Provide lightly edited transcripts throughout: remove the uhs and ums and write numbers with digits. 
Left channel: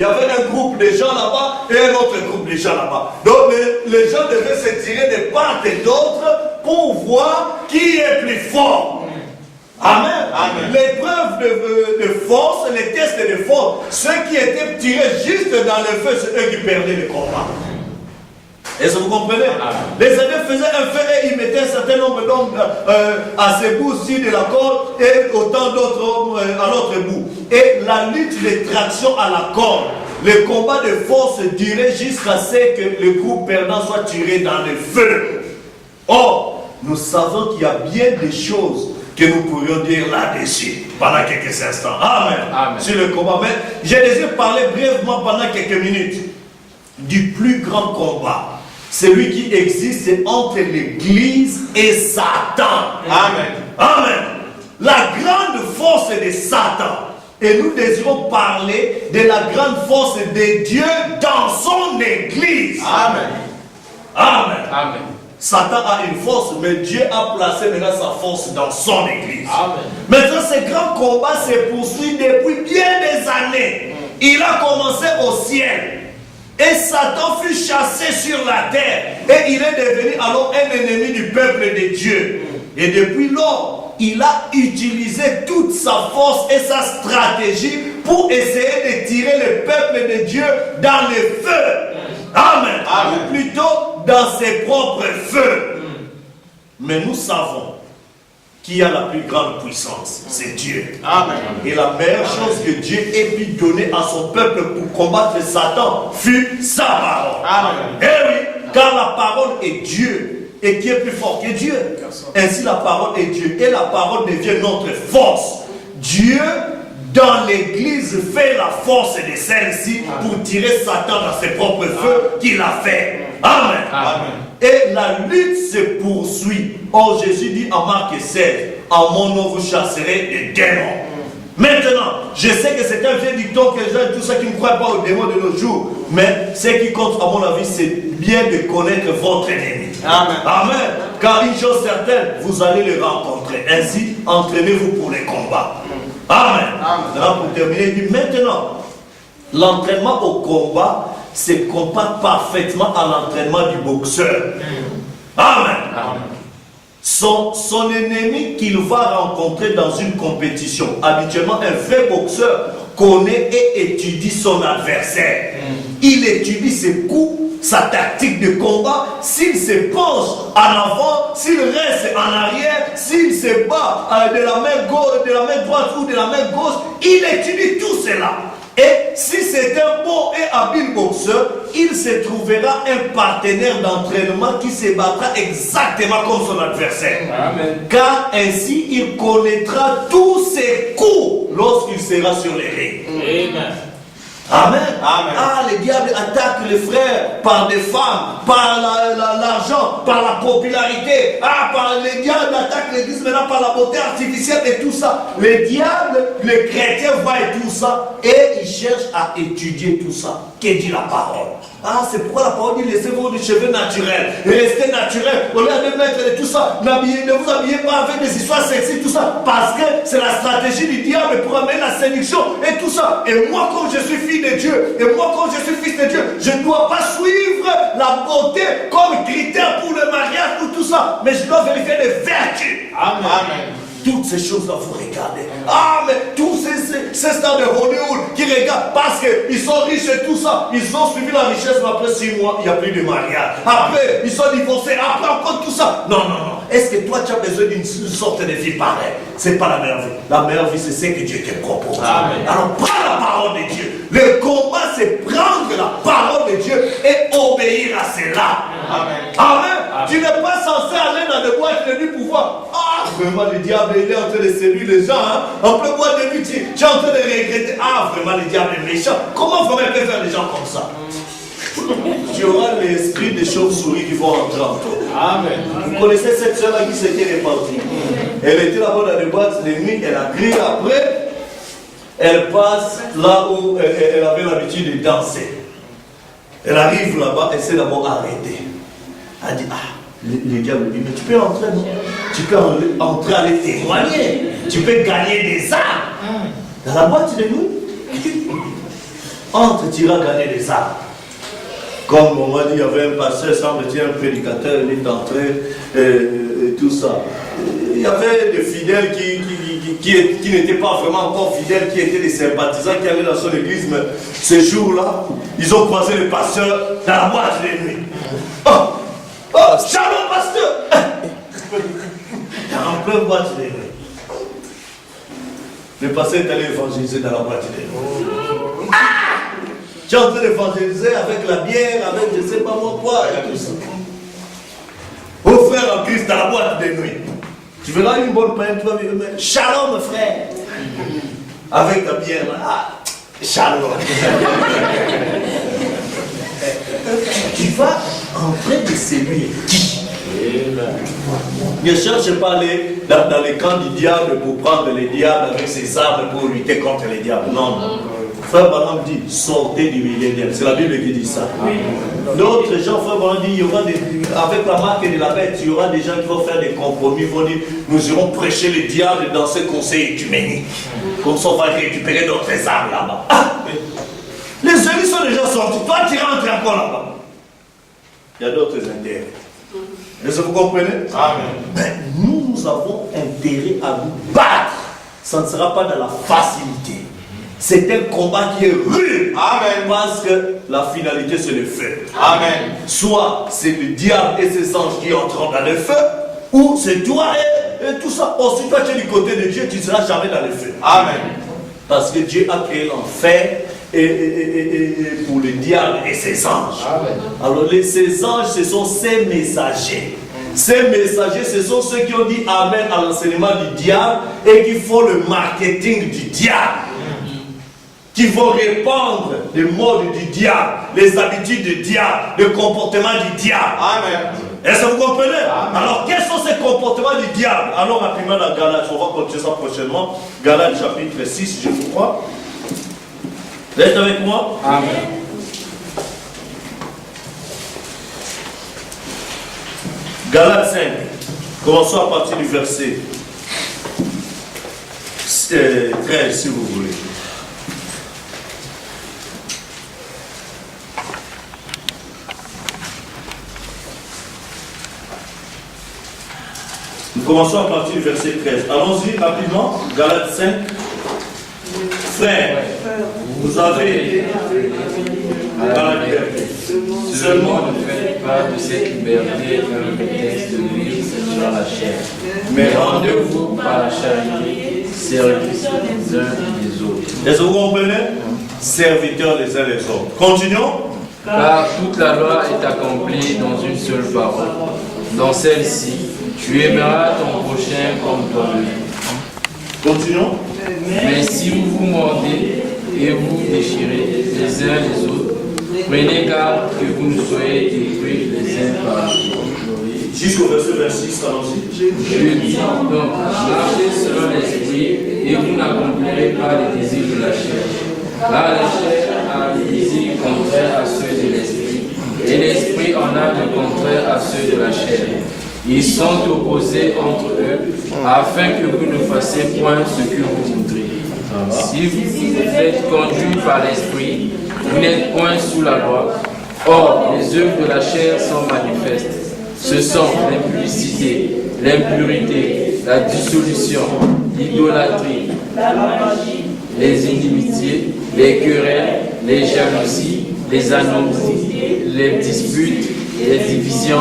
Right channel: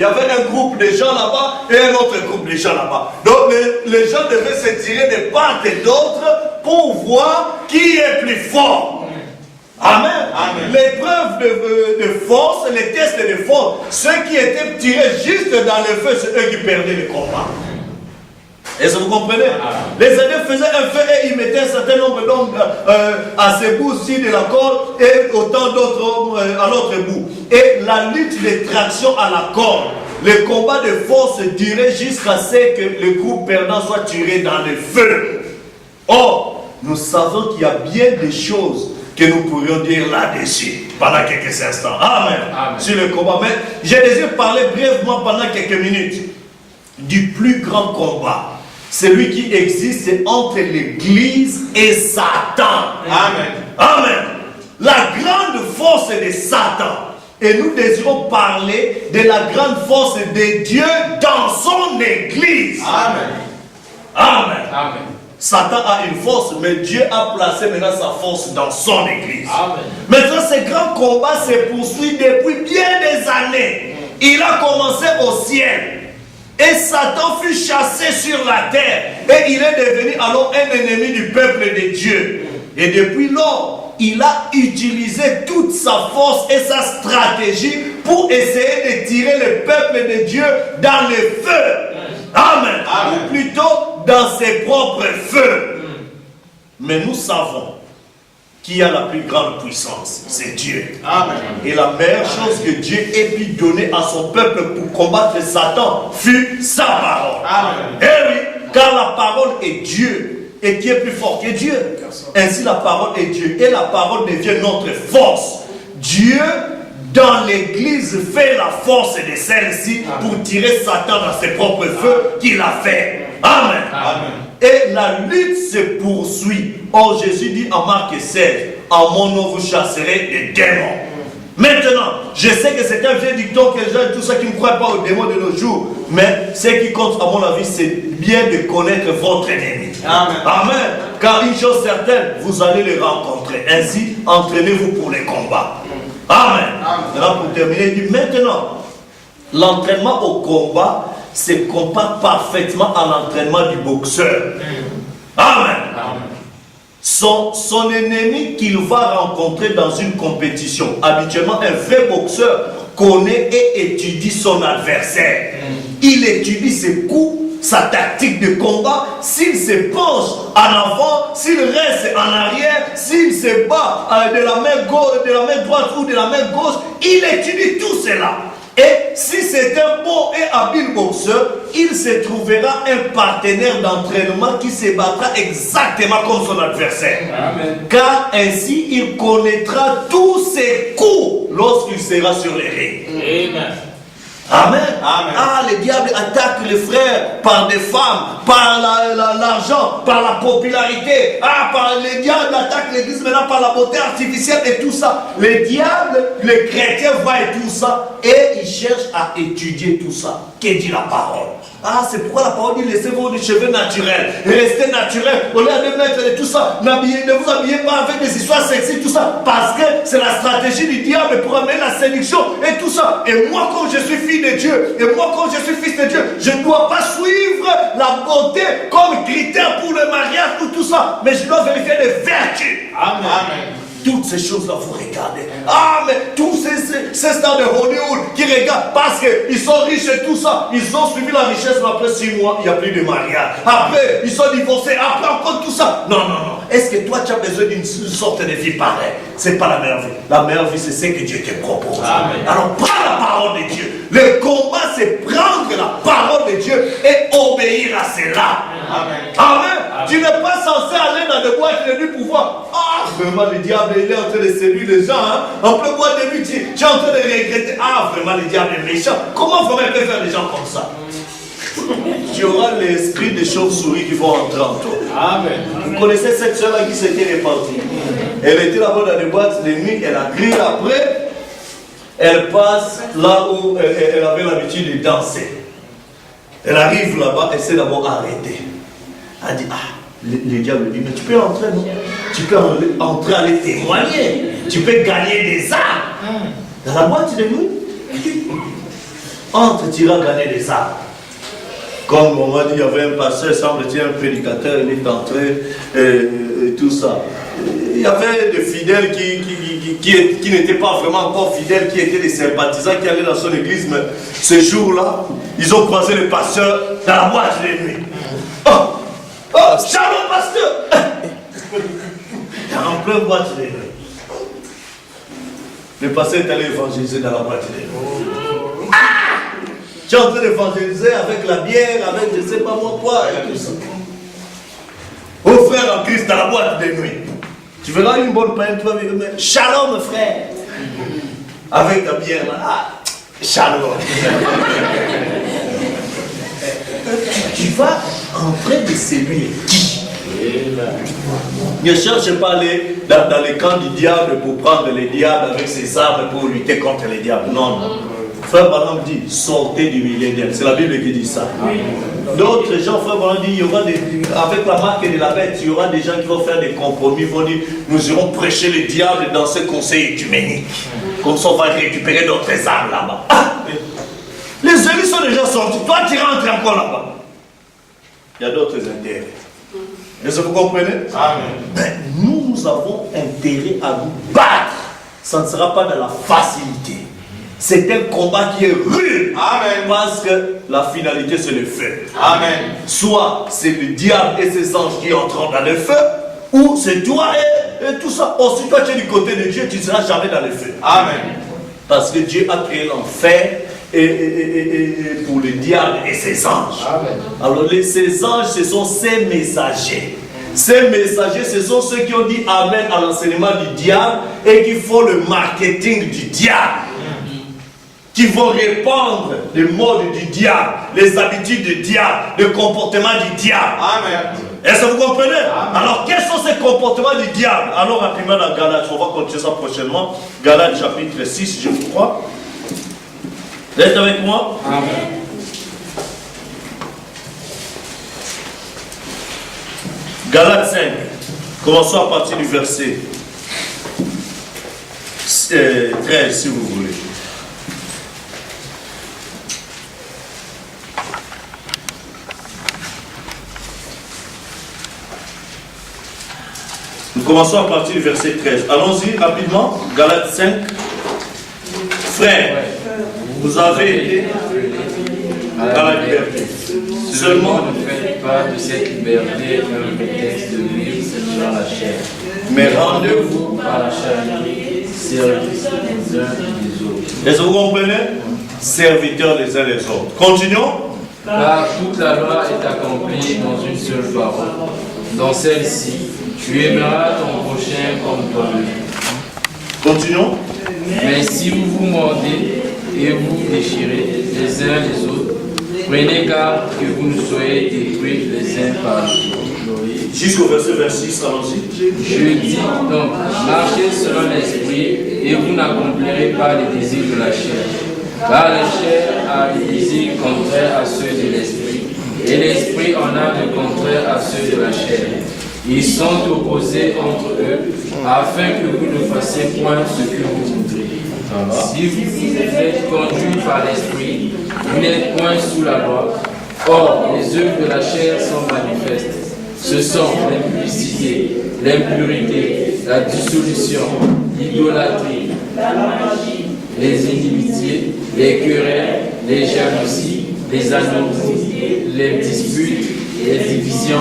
Il y avait un groupe de gens là-bas et un autre groupe de gens là-bas. Donc les gens devaient se tirer de part et d'autre pour voir qui est plus fort. Amen. Amen. L'épreuve de force, les tests de force, ceux qui étaient tirés juste dans le feu, c'est eux qui perdaient le combat. Est-ce que vous comprenez? Les alliés faisaient un feu et ils mettaient un certain nombre d'hommes à ce bout-ci de la corde et autant d'autres hommes à l'autre bout. Et la lutte de traction à la corde, le combat de force durait jusqu'à ce que le groupe perdant soit tiré dans le feu. Or, nous savons qu'il y a bien des choses que nous pourrions dire là-dessus pendant quelques instants. Amen. Amen. Sur le combat. Mais j'ai désiré parler brièvement pendant quelques minutes du plus grand combat. Celui qui existe entre l'Église et Satan. Amen. Amen. La grande force de Satan. Et nous désirons parler de la grande force de Dieu dans son Église. Amen. Amen. Amen. Satan a une force, mais Dieu a placé maintenant sa force dans son Église. Amen. Maintenant, ce grand combat se poursuit depuis bien des années. Il a commencé au ciel. Et Satan fut chassé sur la terre. Et il est devenu alors un ennemi du peuple de Dieu. Et depuis lors, il a utilisé toute sa force et sa stratégie pour essayer de tirer le peuple de Dieu dans le feu. Amen. Amen. Ou plutôt dans ses propres feux. Mais nous savons qui a la plus grande puissance, c'est Dieu. Amen. Et la meilleure chose que Dieu ait pu donner à son peuple pour combattre Satan fut sa parole. Amen. Eh oui, car la parole est Dieu. Et qui est plus fort que Dieu? Ainsi la parole est Dieu. Et la parole devient notre force. Dieu, dans l'église, fait la force de celle-ci pour tirer Satan dans ses propres feux qu'il a fait. Amen. Amen. Et la lutte se poursuit. Or Jésus dit en Marc 16, en mon nom vous chasserez les démons. Maintenant, je sais que c'est un vieux dicton que les gens, tout ça qui ne croient pas aux démons de nos jours. Mais ce qui compte à mon avis, c'est bien de connaître votre ennemi. Amen. Amen. Car une chose certaine, vous allez le rencontrer. Ainsi, entraînez-vous pour les combats. Amen. Maintenant, pour terminer, il dit maintenant, l'entraînement au combat se compare parfaitement à l'entraînement du boxeur. Amen. Amen. Son ennemi qu'il va rencontrer dans une compétition, habituellement un vrai boxeur connaît et étudie son adversaire. Il étudie ses coups, sa tactique de combat, s'il se penche en avant, s'il reste en arrière, s'il se bat de la main gauche, de la main droite ou de la main gauche, il étudie tout cela. Et si c'est un bon et habile boxeur, il se trouvera un partenaire d'entraînement qui se battra exactement comme son adversaire. Amen. Car ainsi il connaîtra tous ses coups lorsqu'il sera sur les rings. Amen. Amen. Amen. Ah, le diable attaque les frères par des femmes, par l'argent, par la popularité. Ah, le diable attaque l'église maintenant par la beauté artificielle et tout ça. Le diable, le chrétien voit tout ça et il cherche à étudier tout ça. Qu'est-ce que dit la parole? Ah, c'est pourquoi la parole dit laissez-vous des cheveux naturels, restez naturel, au lieu de mettre tout ça, ne vous habillez pas avec des histoires sexy, tout ça, parce que c'est la stratégie du diable pour amener la séduction et tout ça. Et moi, quand je suis fille de Dieu, et moi, quand je suis fils de Dieu, je ne dois pas suivre la beauté comme critère pour le mariage ou tout ça, mais je dois vérifier les vertus. Amen. Amen. Toutes ces choses-là, vous regardez. Ah, mais tous ces stars de Hollywood qui regardent parce qu'ils sont riches et tout ça, ils ont suivi la richesse, mais après 6 mois, il n'y a plus de mariage. Après, ils sont divorcés. Après, encore tout ça. Non, non, non. Est-ce que toi, tu as besoin d'une sorte de vie pareille? C'est pas la meilleure vie. La meilleure vie, c'est ce que Dieu te propose. Amen. Alors, prends la parole de Dieu. Le combat, c'est prendre la parole de Dieu et obéir à cela. Amen. Amen. Amen. Tu n'es pas censé aller dans des boîtes de nuit pour voir. Ah, vraiment, le diable, il est en train de séduire les gens. Hein? En plein boîte de nuit, tu es en train de regretter. Ah, vraiment, le diable est méchant. Comment vraiment il peut faire des gens comme ça? Tu auras l'esprit des chauves-souris qui vont entrer en toi. Amen. Vous connaissez cette soeur-là qui s'était répandue. Elle était là-bas dans des boîtes de nuit, elle a crié après. Elle passe là où elle avait l'habitude de danser. Elle arrive là-bas, elle s'est d'abord arrêtée. Elle dit, ah, le diable dit, mais tu peux entrer, non? Tu peux entrer aller témoigner. Tu peux gagner des âmes. Dans la boîte de nuit. entre, tu iras gagner des âmes. Comme on m'a dit, il y avait un pasteur, semble-t-il, un prédicateur, il est entré, et tout ça. Il y avait des fidèles qui n'étaient pas vraiment encore fidèles, qui étaient des sympathisants, qui allaient dans son église, mais ces jours-là, ils ont croisé le pasteur dans la boîte de nuit. Oh, shalom, pasteur! En pleine boîte de nuit. Le pasteur est allé évangéliser dans la boîte de nuit. Tu es en train d'évangéliser avec la bière, avec je ne sais pas moi quoi, et tout ça. Oh frère en Christ dans la boîte de nuit. Tu verras une bonne peine, tu vas dire, mais shalom frère. Avec ta bière, shalom. Tu vas entrer de séduire qui? Ne cherche pas aller dans les camps du diable pour prendre les diables avec ses armes pour lutter contre les diables. Non, non. Frère Branham dit, sortez du millénaire. C'est la Bible qui dit ça. D'autres gens, frère Branham dit, il y aura avec la marque de la bête, il y aura des gens qui vont faire des compromis, vont dire, nous irons prêcher le diable dans ce conseil œcuménique. Comme ça, on va récupérer d'autres armes là-bas. Les élus sont déjà sortis. Toi, tu rentres encore là-bas. Il y a d'autres intérêts. Est-ce que vous comprenez? Amen. Mais nous avons intérêt à nous battre. Ça ne sera pas dans la facilité. C'est un combat qui est rude. Amen. Parce que la finalité, c'est le feu. Amen. Soit c'est le diable et ses anges qui entrent dans le feu, ou c'est toi et tout ça. Or, si toi tu es du côté de Dieu, tu ne seras jamais dans le feu. Amen. Parce que Dieu a créé l'enfer et pour le diable et ses anges. Amen. Alors, ces anges, ce sont ses messagers. Ces messagers, ce sont ceux qui ont dit Amen à l'enseignement du diable et qui font le marketing du diable. Qui vont répandre les modes du diable, les habitudes du diable, le comportement du diable. Amen. Est-ce que vous comprenez? Amen. Alors, quels sont ces comportements du diable? Alors, rapidement dans Galates, on va continuer ça prochainement. Galates chapitre 6, je crois. Vous êtes avec moi? Amen. Galates 5. Commençons à partir du verset 13, si vous voulez. Nous commençons à partir du verset 13. Allons-y rapidement. Galates 5. Frères, vous avez été dans la liberté. Seulement ne faites pas de cette liberté un prétexte de vivre selon la chair. Mais rendez-vous par la charité, serviteurs les uns des autres. Est-ce que vous comprenez? Serviteurs les uns les autres. Continuons. Car toute la loi est accomplie dans une seule parole. Dans celle-ci, tu aimeras ton prochain comme toi-même. Continuons. Mais si vous vous mordez et vous déchirez les uns les autres, prenez garde que vous ne soyez détruits les uns par les autres. Jusqu'au verset 26, allons-y. Je dis donc, marchez selon l'esprit et vous n'accomplirez pas les désirs de la chair. Car la chair a des désirs contraires à ceux de l'esprit, et l'esprit en a de contraires à ceux de la chair. Ils sont opposés entre eux, afin que vous ne fassiez point ce que vous voudrez. Si vous êtes conduits par l'esprit, vous n'êtes point sous la loi. Or, les œuvres de la chair sont manifestes. Ce sont l'impudicité, l'impurité, la dissolution, l'idolâtrie, la magie, les inimitiés, les querelles, les jalousies, les anomalies, les disputes, les divisions,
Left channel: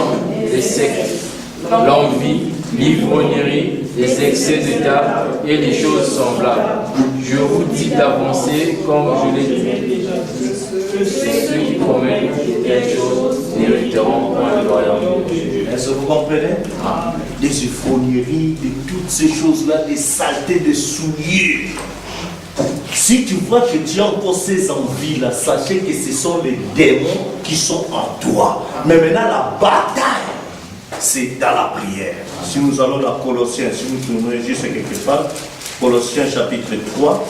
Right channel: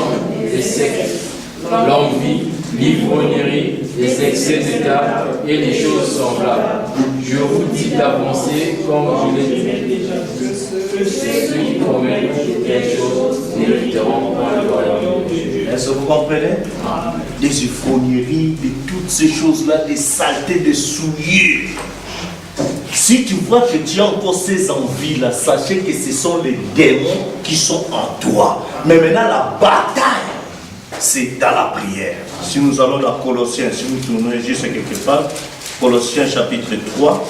les sectes, l'envie, l'ivrognerie, les excès d'état et les choses semblables. Je vous dis d'avancer comme je l'ai dit. Ceux qui promettent quelque chose n'hériteront point le royaume de Dieu. Est-ce que vous comprenez? Des ivrogneries, de toutes ces choses-là, des saletés, des souillures. Si tu vois que tu as encore ces envies-là, sachez que ce sont les démons qui sont en toi. Mais maintenant, la bataille, c'est dans la prière. Si nous allons dans Colossiens, si nous tournons juste quelque part, Colossiens chapitre 3.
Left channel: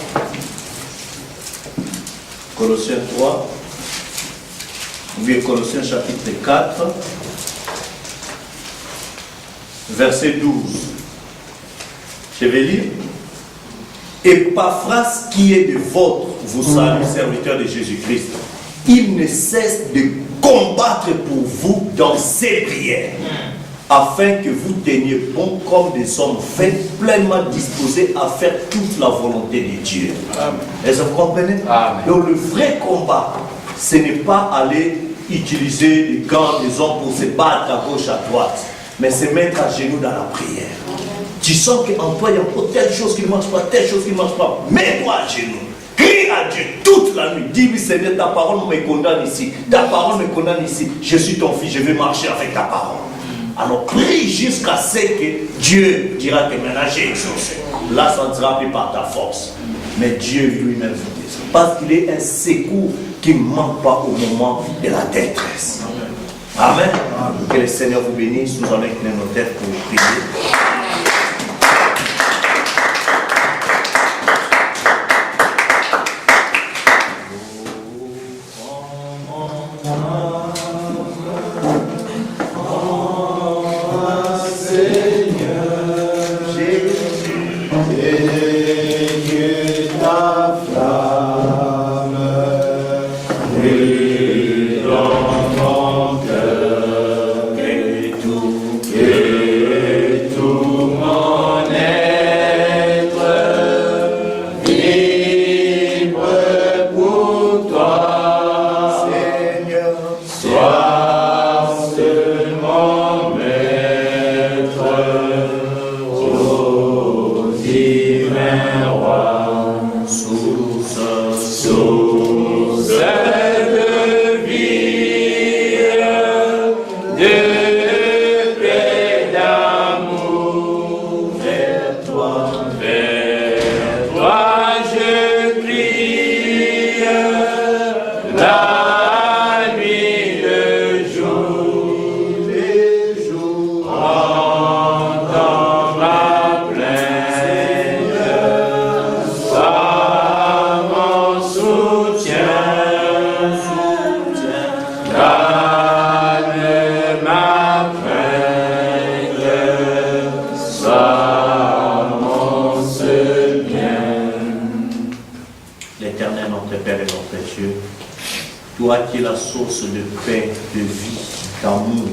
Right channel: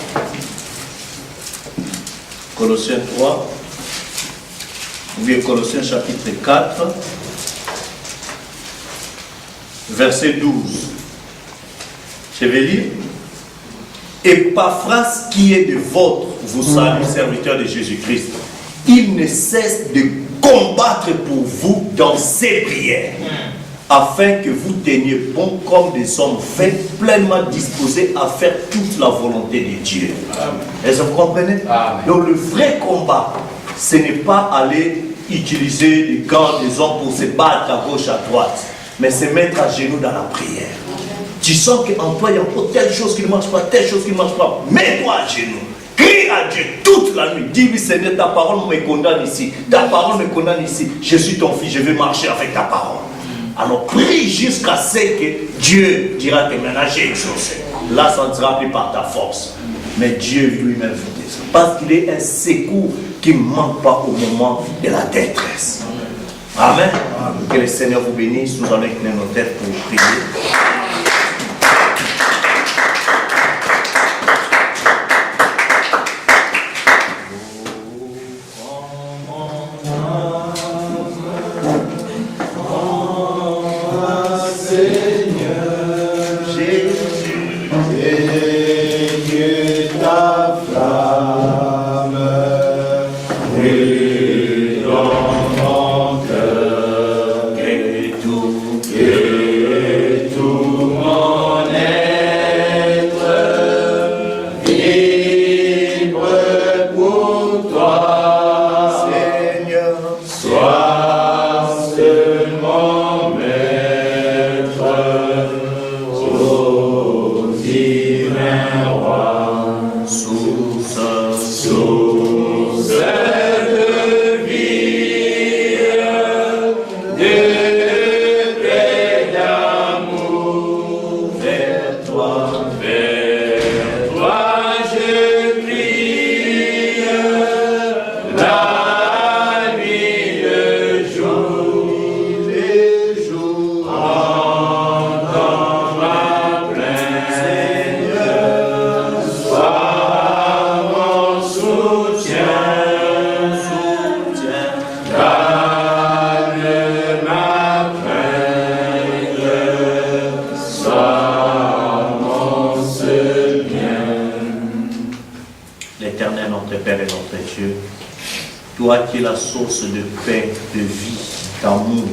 Colossiens 3. Ou bien Colossiens chapitre 4. Verset 12. Je vais lire. Epaphras qui est de votre vous salue, serviteur de Jésus-Christ. Il ne cesse de combattre pour vous dans ses prières, afin que vous teniez bon comme des hommes faits, pleinement disposés à faire toute la volonté de Dieu. Est-ce que vous comprenez? Amen. Donc le vrai combat, ce n'est pas aller utiliser les gants des hommes pour se battre à gauche, à droite, mais se mettre à genoux dans la prière. Tu sens qu'en toi, il y a encore telle chose qui ne marche pas, telle chose qui ne marche pas. Mets-toi à genoux. Crie à Dieu toute la nuit. Dis-lui, Seigneur, ta parole me condamne ici. Ta parole me condamne ici. Je suis ton fils, je vais marcher avec ta parole. Alors prie jusqu'à ce que Dieu dira que maintenant j'ai exaucé. Là, ça ne sera plus par ta force. Mais Dieu lui-même vous descend. Parce qu'il est un secours qui ne manque pas au moment de la détresse. Amen. Que le Seigneur vous bénisse. Nous allons incliner nos têtes pour prier. Toi qui es la source de paix, de vie, d'amour,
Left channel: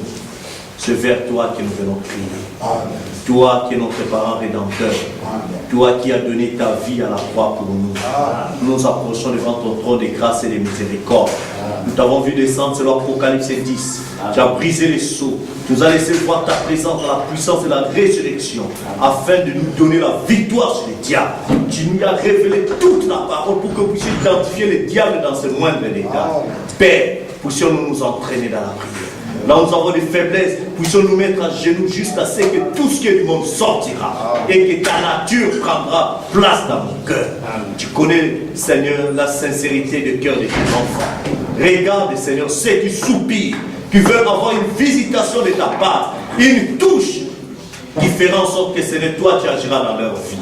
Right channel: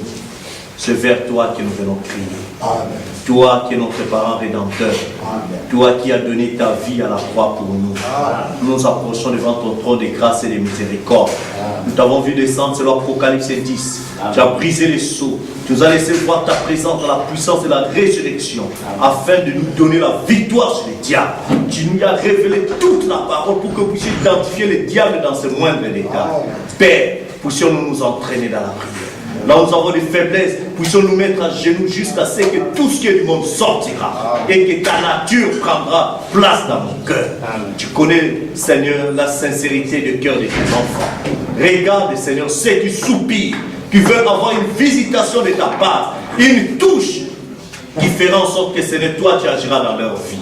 c'est vers toi que nous venons crier. Amen. Toi qui es notre parent rédempteur. Amen. Toi qui as donné ta vie à la croix pour nous. Amen. Nous nous approchons devant ton trône de grâce et de miséricorde. Amen. Nous t'avons vu descendre selon Apocalypse 10. Amen. Tu as brisé les sceaux. Tu nous as laissé voir ta présence dans la puissance de la résurrection. Amen. Afin de nous donner la victoire sur les diables. Tu nous as révélé toute la parole pour que nous puissions identifier les diables dans ce moindre état. Père, puissions-nous nous entraîner dans la prière. Là où nous avons des faiblesses, puissions nous mettre à genoux jusqu'à ce que tout ce qui est du monde sortira. Et que ta nature prendra place dans mon cœur. Tu connais, Seigneur, la sincérité du cœur de tes enfants. Regarde, Seigneur, ceux qui soupirent, qui veulent avoir une visitation de ta part, une touche qui fera en sorte que ce n'est toi qui agiras dans leur vie.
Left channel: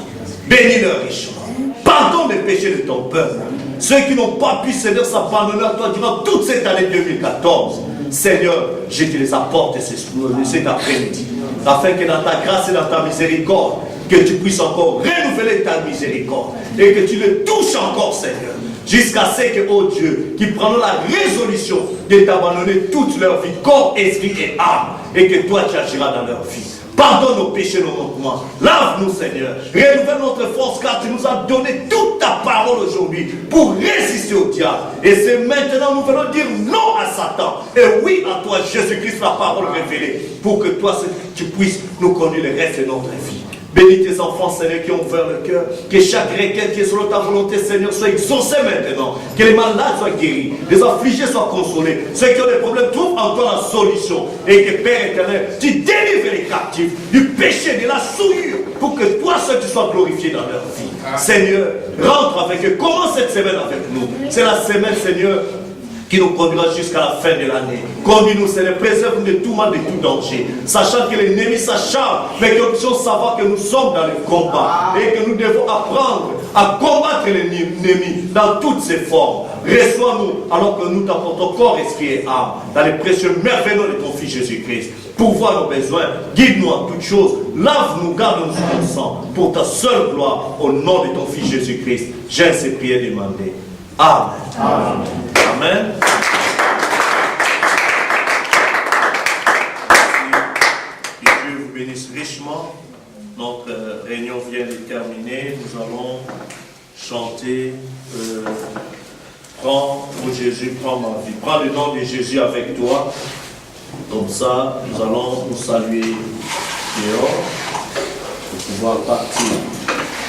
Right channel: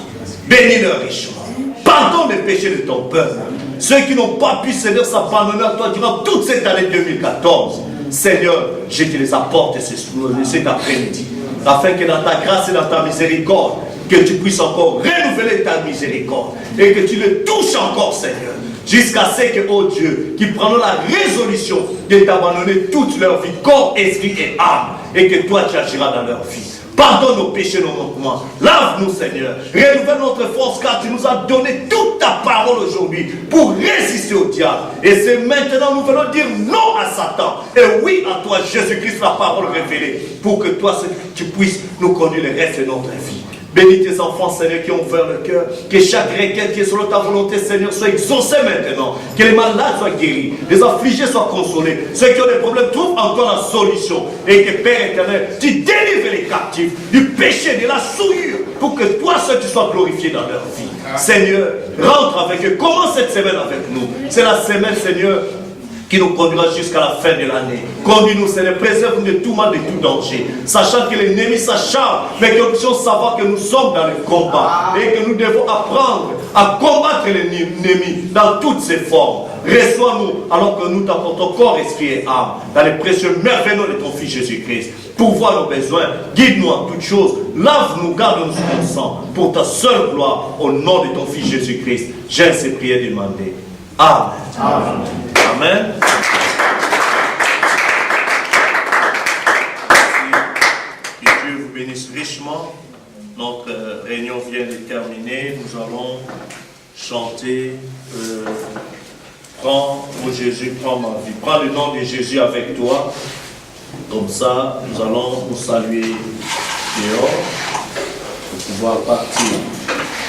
Bénis-leur richement. Pardonne les péchés de ton peuple. Ceux qui n'ont pas pu, Seigneur, s'abandonner à toi durant toute cette année 2014. Seigneur, je te les apporte cet après-midi. Afin que dans ta grâce et dans ta miséricorde, que tu puisses encore renouveler ta miséricorde. Et que tu les touches encore, Seigneur. Jusqu'à ce que, oh Dieu, qu'ils prennent la résolution de t'abandonner toute leur vie, corps, esprit et âme. Et que toi, tu agiras dans leur vie. Pardonne nos péchés, nos manquements. Lave-nous, Seigneur. Renouvelle notre force, car tu nous as donné toute ta parole aujourd'hui pour résister au diable. Et c'est maintenant nous venons dire non à Satan. Et oui à toi, Jésus-Christ, la parole révélée. Pour que toi, tu puisses nous conduire le reste de notre vie. Bénis tes enfants, Seigneur, qui ont ouvert le cœur. Que chaque requête qui est selon ta volonté, Seigneur, soit exaucée maintenant. Que les malades soient guéris, les affligés soient consolés. Ceux qui ont des problèmes trouvent encore la solution. Et que, Père éternel, tu délivres les captifs du péché, de la souillure, pour que toi seul tu sois glorifié dans leur vie. Seigneur, rentre avec eux. Commence cette semaine avec nous. C'est la semaine, Seigneur, qui nous conduira jusqu'à la fin de l'année. Conduis-nous, Seigneur, préserve-nous de tout mal, de tout danger. Sachant que l'ennemi s'acharne, mais que nous puissions savoir que nous sommes dans le combat et que nous devons apprendre à combattre l'ennemi dans toutes ses formes. Reçois-nous alors que nous t'apportons corps, esprit et âme dans les précieux merveilles de ton Fils Jésus-Christ. Pourvois nos besoins, guide-nous en toutes choses, lave-nous, garde-nous sous ton sang, pour ta seule gloire, au nom de ton Fils Jésus-Christ. J'ai ces prières demandées. Amen. Amen. Amen. Que Dieu vous bénisse richement. Notre réunion vient de terminer. Nous allons chanter Prends, mon Jésus, prends ma vie. Prends le nom de Jésus avec toi. Comme ça, nous allons nous saluer dehors pour pouvoir partir.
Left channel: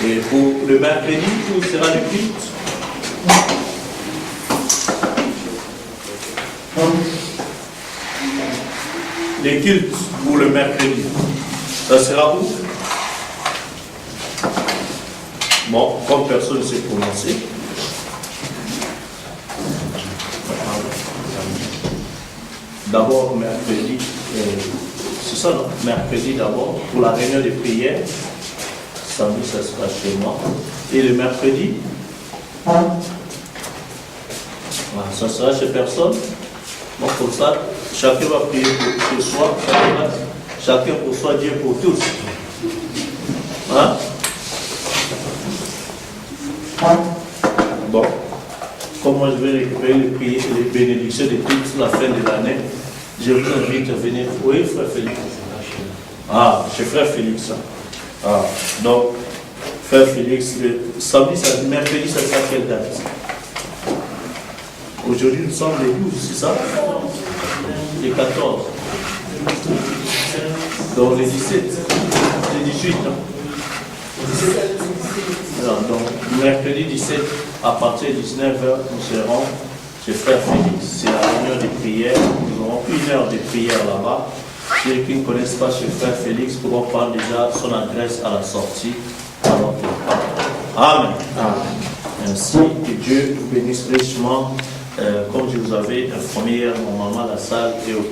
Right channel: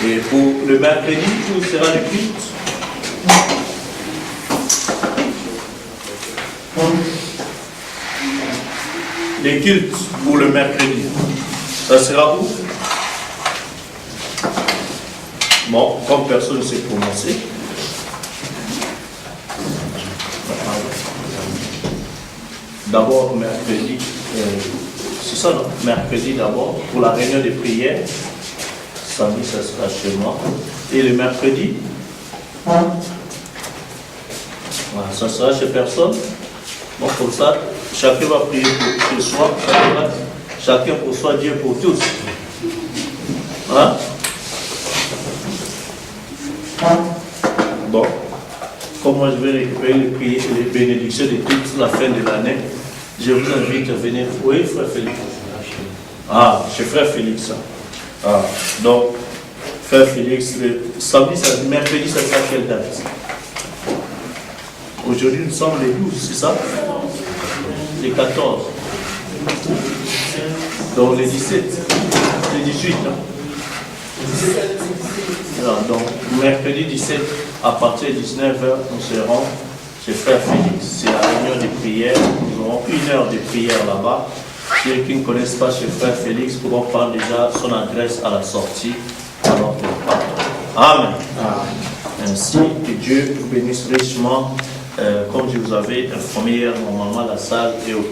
Et pour le mercredi, où sera le culte? Les cultes pour le mercredi, ça sera où? Bon, comme personne ne s'est prononcé. D'abord, mercredi, c'est ça, non? Mercredi d'abord, pour la réunion de prière. Samedi, ça sera chez moi. Et le mercredi, ça sera chez personne. Bon, comme ça, chacun va prier pour chez soi. Chacun pour soi, Dieu pour tous. Hein? Bon, comme moi je vais récupérer les bénédictions de toute la fin de l'année, je vous invite à venir. Oui, frère Félix. Ah, chez frère Félix. Ah, donc, frère Félix, le samedi, mercredi, ça sera quelle date? Aujourd'hui, nous sommes les 12, c'est ça? Les 14. Donc, les 17. Les 18, non? Donc, mercredi 17, à partir de 19h, nous serons chez frère Félix. C'est la réunion de prière. Nous aurons 1 heure de prière là-bas. Ceux qui ne connaissent pas chez frère Félix pourront prendre déjà son adresse à la sortie. Alors que Amen. Amen. Ainsi, que Dieu vous bénisse richement. Comme je vous avais informé hier, normalement la salle est